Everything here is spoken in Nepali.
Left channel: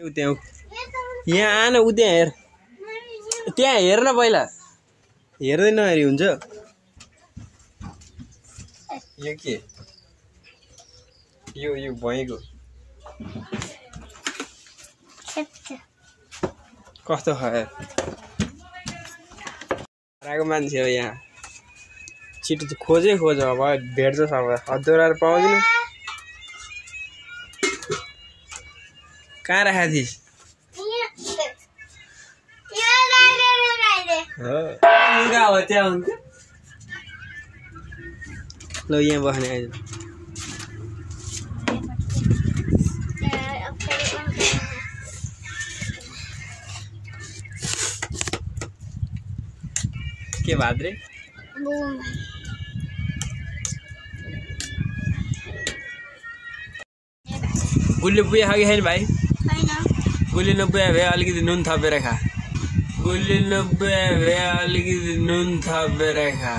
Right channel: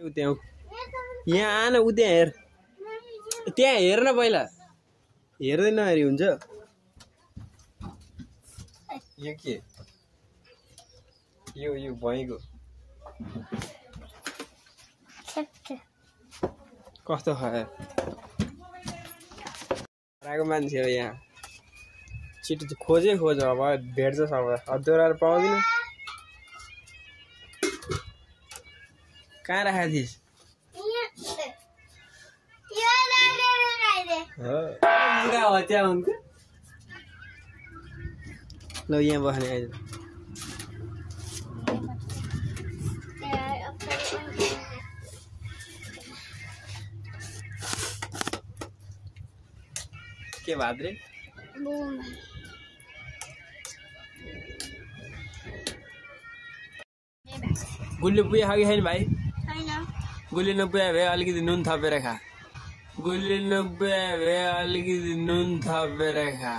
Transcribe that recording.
यहाँ आन उ त्यहाँ हेर त्यहाँ हेर न पहिला हेर्दै नहेरी हुन्छ यो के यो भएको कस्तो खायो आएको मान्छे हो यहाँ छिटो खोजै खोज अब भेट्छ सब हदुराएर पाउँदिन कहाँ राखेको थिइस् लुगा हो त्यहाँ हुन्छ ल यहाँ बस्ने आज के भाद्रे गुल्ली पुगे खा कि छैन भाइ गुल्ली नपुगे भए अलिकति नुन थपेर खा गुल्ली नपुगे भए अलिकति नुन थपेर खा